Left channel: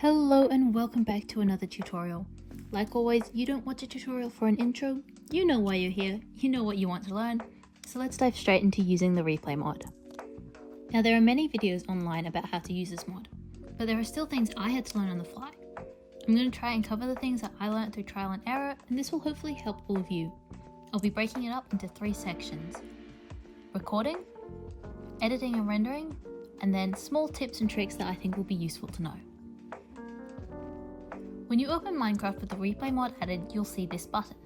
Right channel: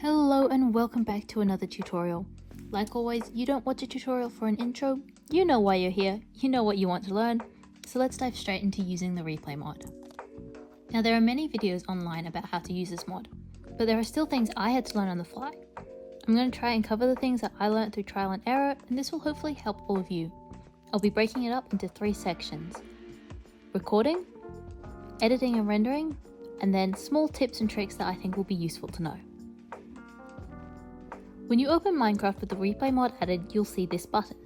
Hello and welcome back to another tutorial. Like always, you don't watch a tutorial for an intro, you know why you're here, you know what you want to learn, so let's dive straight into using the ReplayMod. Now there are many videos online about how to use this mod, but there are still things I had to learn on the fly. I'm going to try and cover the things that I learned through trial and error, and this will hopefully help all of you. I'll be breaking it up into 3 sections: recording, editing and rendering, and then small tips and tricks that I think will be useful to know. When you open Minecraft with the replay mod added, you'll see this button.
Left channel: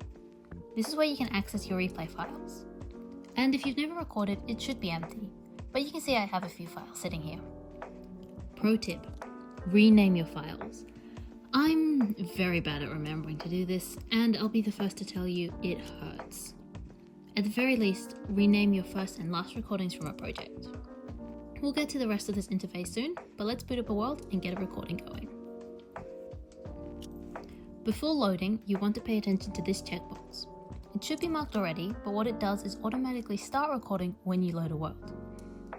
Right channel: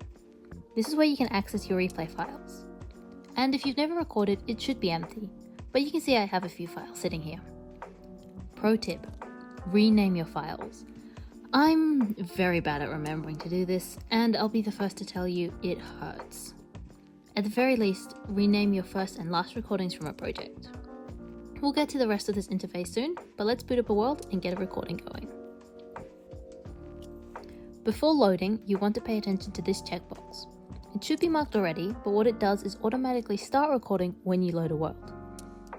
This is where you can access your replay files. And if you've never recorded, it should be empty, but you can see I have a few files sitting here. Pro tip: rename your files. I'm very bad at remembering to do this, and I'll be the first to tell you it hurts. At the very least, rename your first and last recordings from a project. We'll get to the rest of this interface soon, but let's boot up a world and get a recording going. Before loading, you want to pay attention to this checkbox. It should be marked already, but what it does is automatically start recording when you load a world.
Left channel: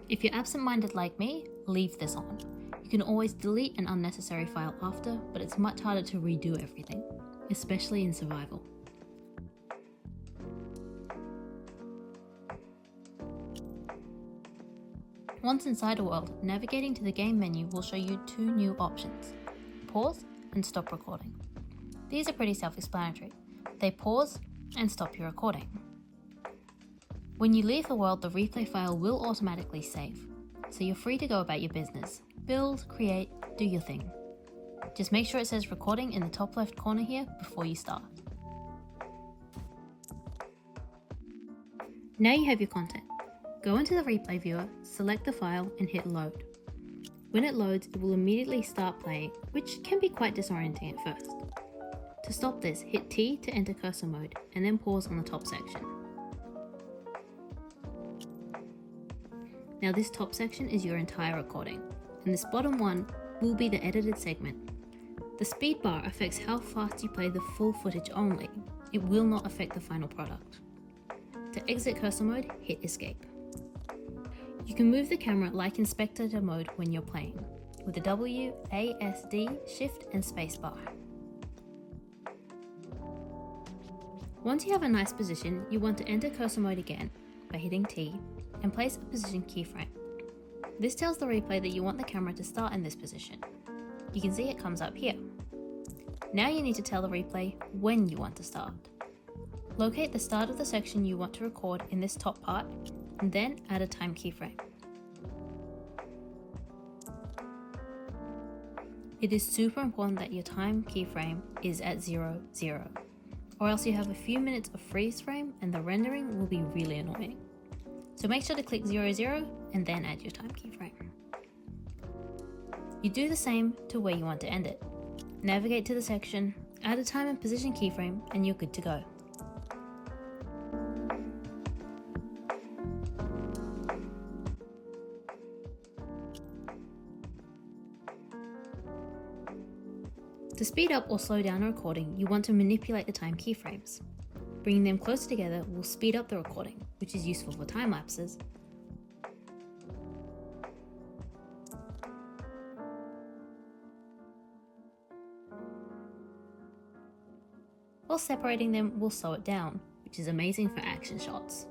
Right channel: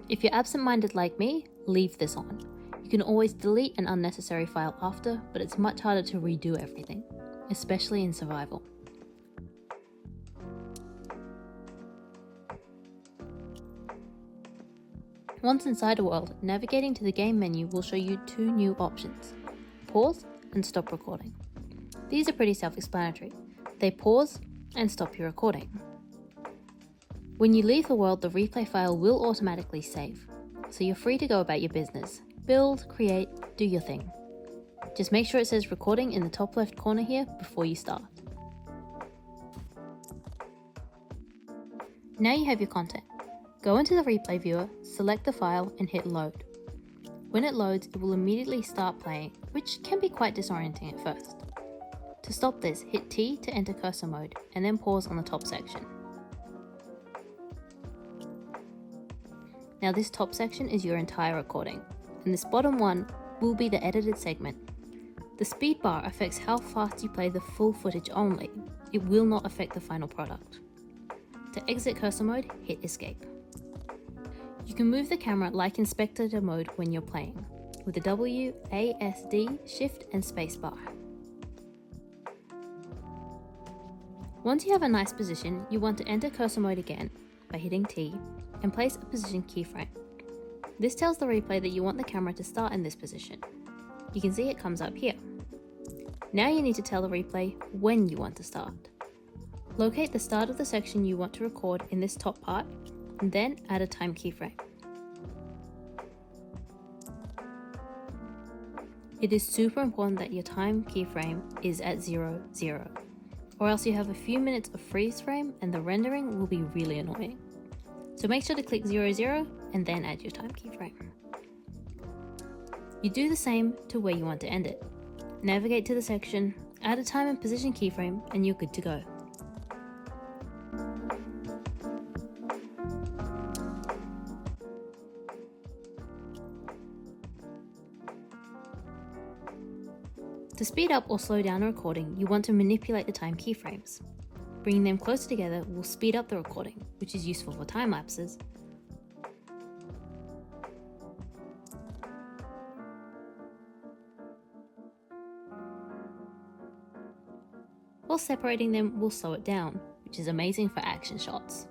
If you're absent-minded like me, leave this on. You can always delete an unnecessary file after, but it's much harder to redo everything, especially in survival. Once inside a world, navigating to the game menu will show you 2 new options: pause and stop recording. These are pretty self-explanatory. They pause and stop your recording. When you leave the world, the replay file will automatically save, so you're free to go about your business. Build, create, do your thing. Just make sure it says recording in the top left corner here before you start. Now you have your content. Go into the replay viewer, select the file and hit load. When it loads, it will immediately start playing, which can be quite disorienting at first. To stop this, hit T to enter cursor mode, and then pause on the top section. Now this top section is your entire recording, and this bottom one will be the edited segment. The speed bar affects how fast you play the full footage only. It will not affect the final product. To exit cursor mode, hit escape. You can move the camera like in spectator mode when you're playing, with the W, A, S, D, Shift and space bar. Once you have a nice position, you want to enter cursor mode again by hitting T and place a position keyframe. This tells the replay that you want the camera to start in this position. You can see it comes up here. Now you need to tell the replay when you want to start. Locate the start of the section you want to record in this top part, and then add a time keyframe. It is super important that your time keyframe is at 0, 0. Or else you have a few minutes of freeze frame and the rendering will be really annoying. So make sure to click 0, 0 and then add your time keyframe. You do the same to where you want to end it. Navigate to the section, add a time and position keyframe and you're good to go. To speed up or slow down a recording, you want to manipulate the time keyframes. Bringing them closer together will speed up the recording, which is useful for time lapses. While separating them will slow it down, which is amazing for action shots.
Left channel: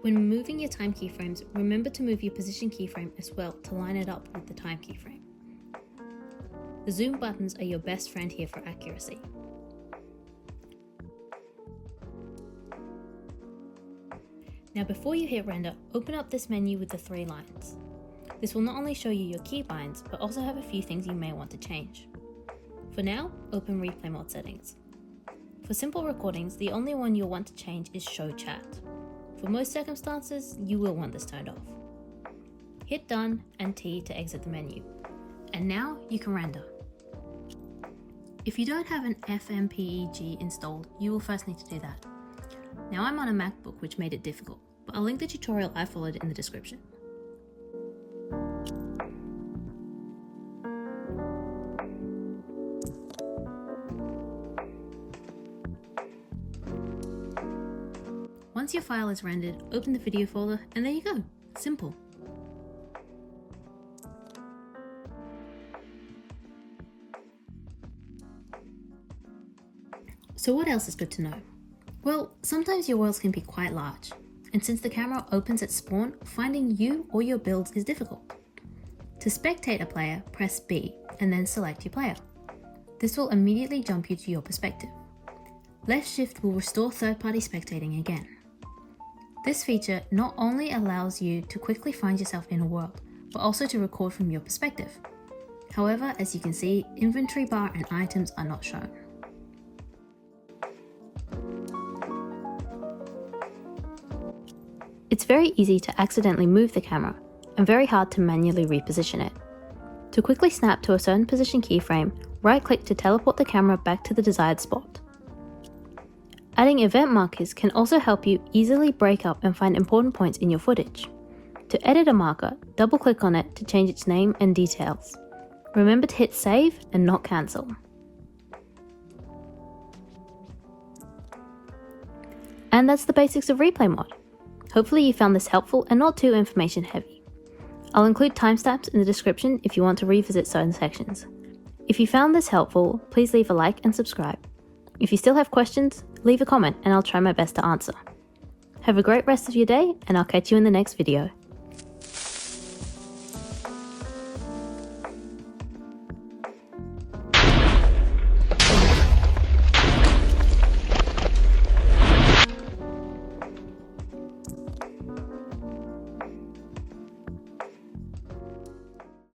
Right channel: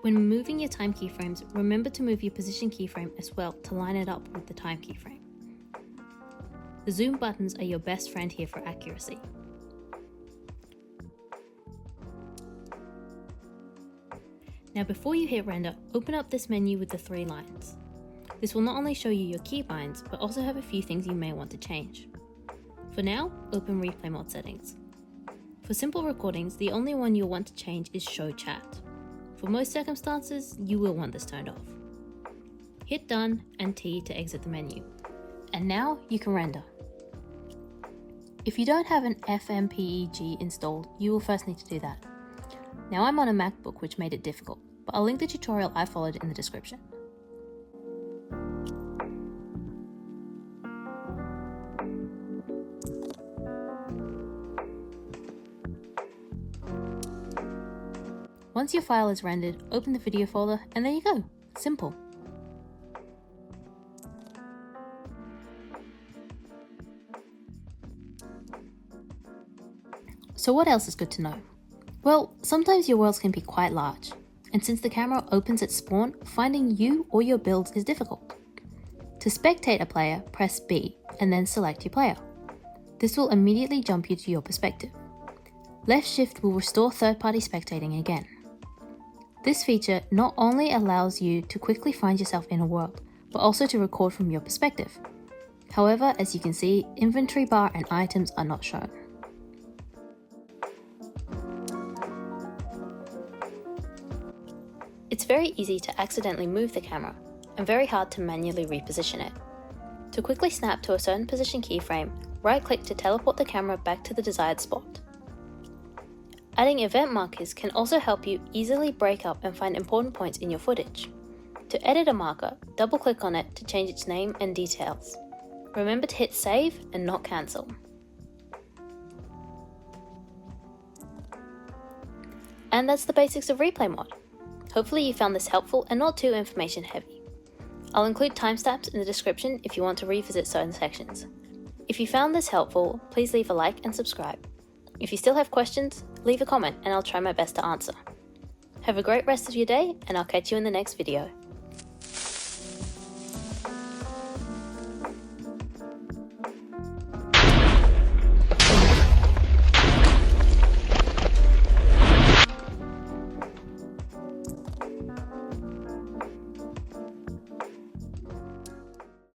When moving your time keyframes, remember to move your position keyframe as well to line it up with the time keyframe. The zoom buttons are your best friend here for accuracy. Now before you hit render, open up this menu with the 3 lines. This will not only show you your keybinds, but also have a few things you may want to change. For now, open ReplayMod settings. For simple recordings, the only one you'll want to change is show chat. For most circumstances, you will want this turned off. Hit done and T to exit the menu. And now you can render. If you don't have an FmpEG installed, you will first need to do that. Now I'm on a MacBook, which made it difficult, but I'll link the tutorial I followed in the description. Once your file is rendered, open the video folder and there you go. Simple. So what else is good to know? Well, sometimes your worlds can be quite large, and since the camera opens at spawn, finding you or your builds is difficult. To spectate a player, press B and then select your player. This will immediately jump you to your perspective. Left shift will restore third-party spectating again. This feature not only allows you to quickly find yourself in a world, but also to record from your perspective. However, as you can see, inventory bar and items are not shown. It's very easy to accidentally move the camera, and very hard to manually reposition it. To quickly snap to a certain position keyframe, right-click to teleport the camera back to the desired spot. Adding event markers can also help you easily break up and find important points in your footage. To edit a marker, double-click on it to change its name and details. Remember to hit save and not cancel. And that's the basics of ReplayMod. Hopefully you found this helpful and not too information heavy. I'll include timestamps in the description if you want to revisit certain sections. If you found this helpful, please leave a like and subscribe. If you still have questions, leave a comment and I'll try my best to answer. Have a great rest of your day and I'll catch you in the next video.